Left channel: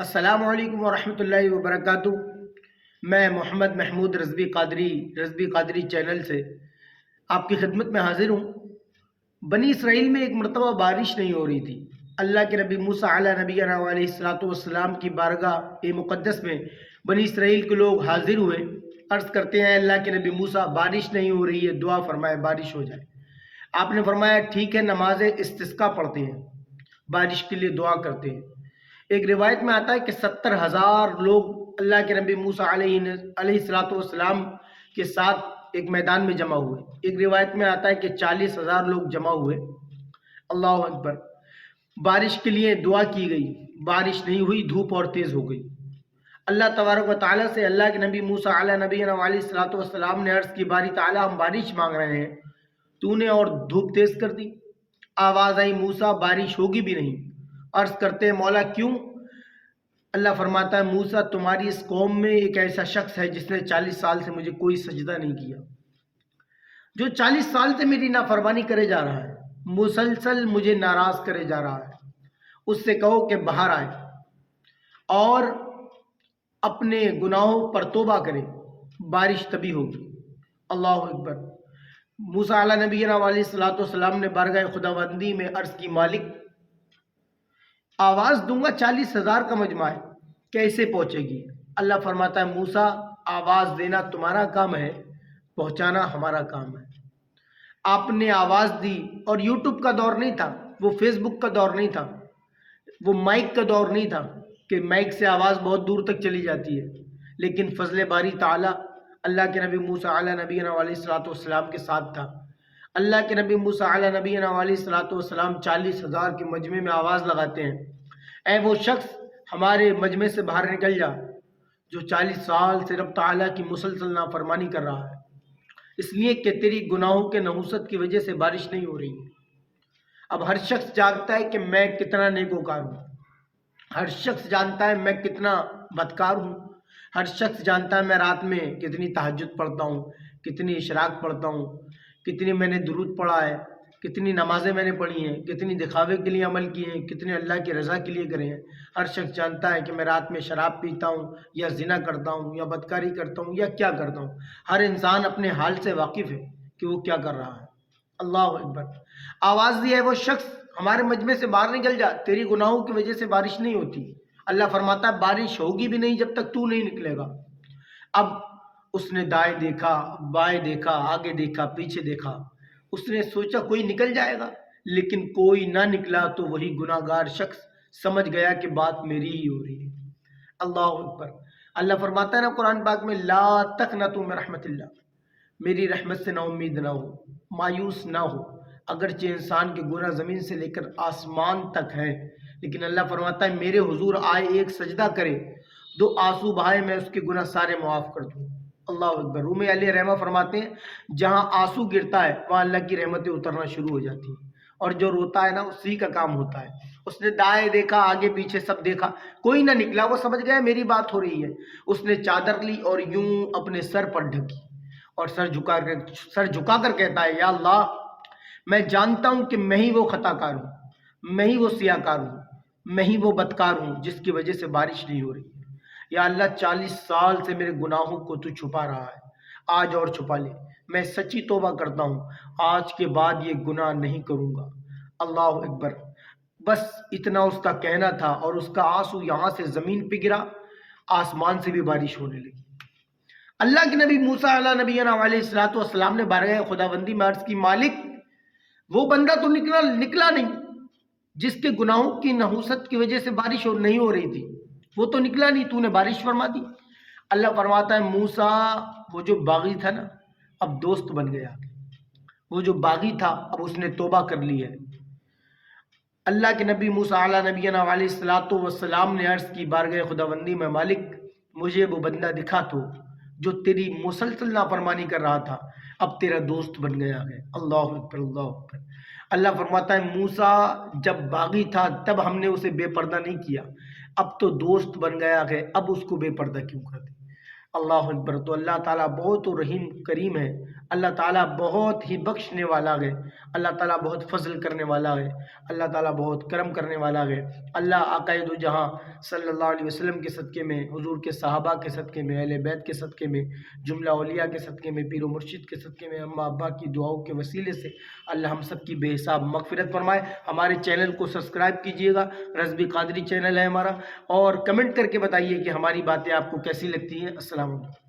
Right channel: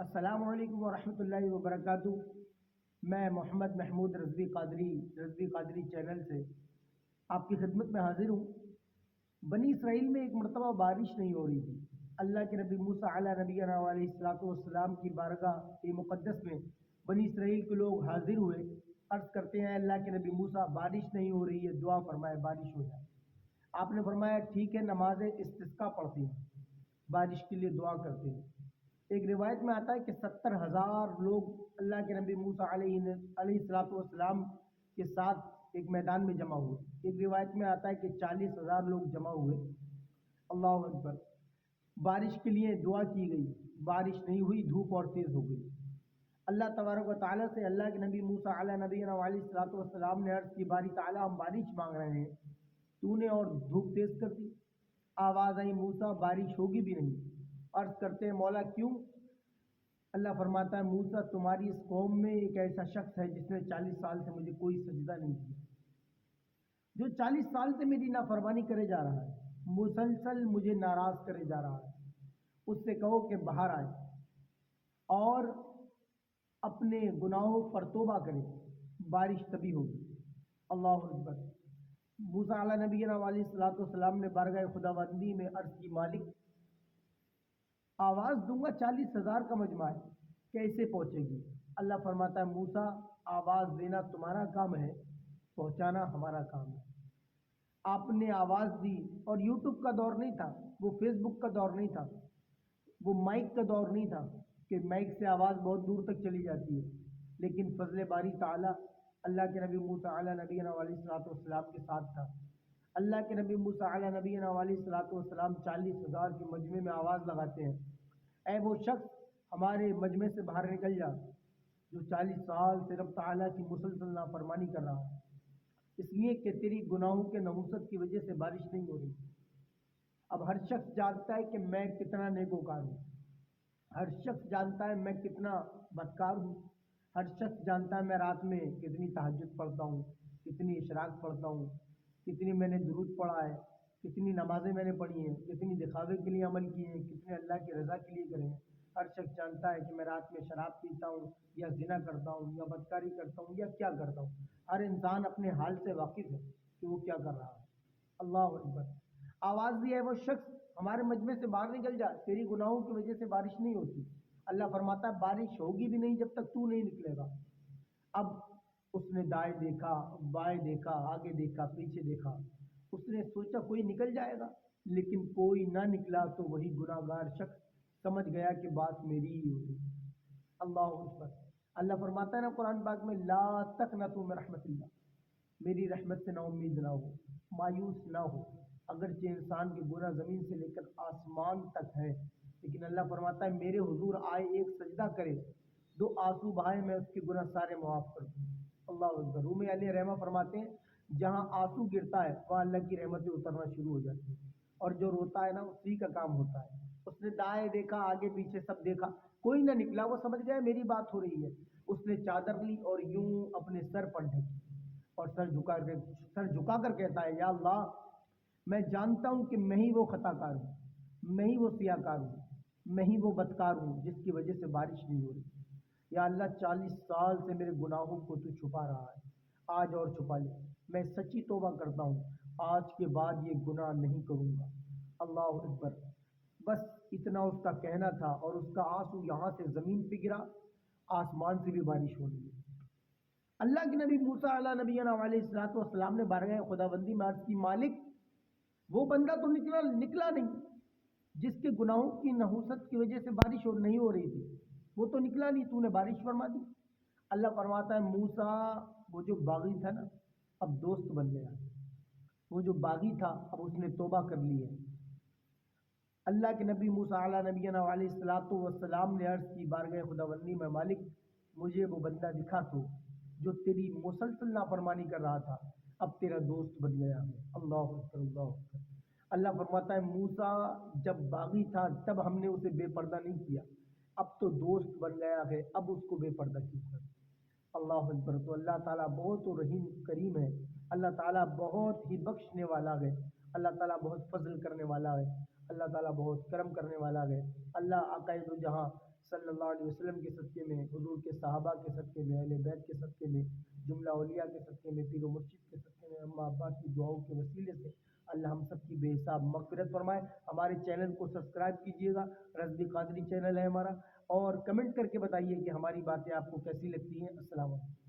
السلام علیکم ورحمۃ اللہ وبرکاتہ۔ میں محمد محمود رضوی قادری چینل سے آپ کی خدمت میں حاضر ہوں۔ بنی اسرائیل میں ایک مرتبہ بارش نہیں ہو رہی تھی۔ اللہ کے نبی موسیٰ علیہ نبینا علیہ الصلوۃ والسلام کی بارگاہ مقدس میں بنی اسرائیل کے لوگ حاضر ہوئے، عرض کرتے ہیں اللہ کے نبی موسیٰ بارش نہیں ہو رہی ہے، دعا فرمائے بارش ہو جائے۔ آپ نے فرمایا ٹھیک ہے، نماز استسقاء پڑھتے ہیں، بارش کے لیے دعا کرتے ہیں۔ ایک روایت میں آتا ہے کہ 70,000 لوگ اللہ کے نبی موسیٰ علیہ الصلوۃ والسلام کے ساتھ ایک میدان میں جمع ہوئے۔ ایک روایت میں آتا ہے کہ 40,000 لوگ جمع ہوئے۔ اللہ اکبر۔ بارش کے لیے دعا کی گئی، بارش نہیں ہوئی، دھوپ اور تیز ہو گئی۔ اللہ تبارک و تعالیٰ سے اللہ کے نبی موسیٰ علیہ نبینا علیہ الصلوۃ والسلام نے عرض کی، باری تعالیٰ ہم بارش مانگ رہے ہیں، تو نے اور دھوپ تیز کر دی۔ آواز آئی موسیٰ بارش ہوگی بھی نہیں۔ عرض کرتے ہیں مولا کیوں؟ اللہ فرماتا ہے موسیٰ تمہاری اس قوم میں ایک ایسا شخص ہے جس نے 40 سال سے مجھے کوئی سجدہ نہیں کیا، جو 40 سال سے میری نافرمانی کرے جا رہا ہے، مسلسل مجھے ناراض کرے جا رہا ہے۔ اس سے کہو کہ باہر آئے اور اپنے گناہوں پر توبہ کرے، بارش تبھی ہوگی۔ اللہ اکبر۔ موسیٰ علیہ نبینا علیہ الصلوۃ والسلام نے بارگاہ خداوندی میں عرض کی، مالک آواز دوں گا 40,000 کا مجمع ہے، کیسے پہنچے گی؟ اللہ فرماتا ہے موسیٰ آواز دینا تمہارا کام ہے، پہنچانا ہمارا کام ہے۔ آپ نے آواز دی، اور یوٹیوب کا دور نہیں تھا، وہ فیس بک کا دور نہیں تھا، وہ مائک کا دور نہیں تھا کہ مائک سے آواز بہت دور تک چلی جاتی ہے، لیکن فضل باری تعالیٰ اللہ کے نبی موسیٰ علیہ نبینا علیہ الصلوۃ والسلام کے ساتھ تھا۔ اللہ کے نبی موسیٰ علیہ نبینا علیہ الصلوۃ والسلام 40,000 کے مجمع میں آواز لگاتے ہیں، اے وہ شخص ہمارے مجمع سے باہر نکل جا جو 40 سال سے رب تعالیٰ کی مسلسل نافرمانی کر رہا ہے، اس لیے کہ تیری گناہوں کے نحوست کی وجہ سے بارش نہیں ہو رہی ہے۔ اب ہر شخص جانتا ہے کہ میں کتنا نیکوکار ہوں، ہر شخص جانتا ہے میں کتنا بدکار ہوں، ہر شخص جانتا ہے میں رات میں کتنی تہجد پڑھتا ہوں، کتنی اشراق پڑھتا ہوں، کتنی میں نے درود پڑھا ہے، کتنی نمازیں میں نے پڑھی ہیں، کتنی دکھاوے کے لیے عمل کیے ہیں، کتنے اللہ کی رضا کے لیے کرے ہیں۔ ہر شخص جانتا ہے کہ میں رات میں شراب پیتا ہوں یا زنا کرتا ہوں یا بدکاری کرتا ہوں یا کیا کرتا ہوں۔ ہر انسان اپنے حال سے واقف ہے کہ وہ کیا کر رہا ہے۔ اللہ اکبر۔ آواز دی ہے وہ شخص ہمارے مجمع سے باہر نکل جا، تیری گناہوں کی وجہ سے بارش نہیں ہوتی۔ اللہ فرماتا ہے بارش ہوگی بھی نہیں جب تک تو نہیں نکلے گا۔ اب اس نے دائیں دیکھا، بائیں دیکھا، آگے دیکھا، پیچھے دیکھا، اس نے سوچا کوئی نکل جائے گا، لیکن کوئی نہ نکلا تو وہی گناہ گار شخص سمجھ گیا کہ بات میری ہی ہو رہی ہے۔ اللہ اکبر۔ اللہ فرماتا ہے نا قرآن پاک میں، لا تقنطوا من رحمت اللہ، میری رحمت سے نا امید نہ ہو، مایوس نہ ہو۔ اگرچہ انسان کے گناہ زمین سے لے کر آسمان تک ہیں، لیکن اللہ فرماتا ہے میرے حضور آئے، ایک سجدہ کرے، 2 آنسو بہائے، میں اس کے گناہ سارے معاف کر دوں۔ اللہ اکبر۔ روم علیہ رحمہ فرماتے ہیں جہاں آنسو گرتا ہے وہاں اللہ کی رحمتیں اترنا شروع ہو جاتی ہیں، اور جو روتا ہے نا اسی کا کام ہوتا ہے۔ اس نے دائیں دیکھا، آگے پیچھے سب دیکھا، کوئی نہ نکلا، وہ سمجھ گیا میری بات ہو رہی ہے۔ اس نے چادر لی اور یوں اپنے سر پر ڈھکی اور سر جھکا کر کہتا ہے، یا اللہ میں جانتا ہوں کہ میں ہی وہ خطا کار ہوں، میں ہی وہ سیاہ کار ہوں، میں ہی وہ بدکار ہوں جس کی وجہ سے بارش نہیں ہو رہی۔ یا اللہ 40 سال سے میرے گناہوں کو تو چھپا رہا ہے، آج اور چھپا لے، میں سچی توبہ کرتا ہوں، آج کے بعد یہ گناہ نہیں کروں گا۔ اللہ اکبر۔ بس اتنا اس کا کہنا تھا، اور اس کا آنسو یہاں سے زمین پہ گرا، آسمان سے بھی بارش ہونے لگی۔ اللہ کے نبی موسیٰ علیہ نبینا علیہ الصلوۃ والسلام نے بارگاہ خداوندی میں عرض کی، مالک وہ بندہ تو نکلا نہیں جس کے گناہوں کی نحوست کی وجہ سے بارش نہیں ہو رہی تھی، وہ تو نکلا نہیں، تو نے بارش فرما دی۔ اللہ فرماتا ہے موسیٰ وہ جو باغی تھا نا اب دوست بن گیا، وہ جو باغی تھا اب اس نے توبہ کر لی ہے۔ اللہ کے نبی موسیٰ علیہ نبینا علیہ الصلوۃ والسلام نے عرض کی بارگاہ خداوندی میں، مالک مجھے وہ بندہ دکھا تو جو تیری مسلسل نافرمانی کر رہا تھا، اب تیرا دوست بن گیا ہے۔ اللہ اکبر، اللہ اکبر۔ اللہ فرماتا ہے موسیٰ جب باغی تھا تب ہم نے اسے بے پردہ نہیں کیا، اب تو دوست بن گیا ہے، اب اس کو بے پردہ کیوں کر دیں؟ اللہ اکبر۔ تو اللہ تعالیٰ بہت رحیم کریم ہے، اللہ تعالیٰ بہت ہی بخشنے والا ہے، اللہ تعالیٰ بہت فضل کرنے والا ہے، اللہ تعالیٰ بہت کرم کرنے والا ہے۔ اللہ آقا دو جہاں صلی اللہ علیہ وسلم کے صدقے میں، حضور کے صحابہ کے صدقے میں، اہل بیت کے صدقے میں، جملہ اولیاء کے صدقے میں، پیر و مرشد کے صدقے میں، اماں ابا کی دعاؤں کے وسیلے سے اللہ ہم سب کی بے حساب مغفرت فرمائے۔ ہمارے چینل کو سبسکرائب کیجئے گا، رضوی قادری چینل ہے ہمارا، اور کمنٹ کر کے بتائیے کہ ہماری باتیں آپ کو کیسی لگتی ہیں۔ السلام علیکم۔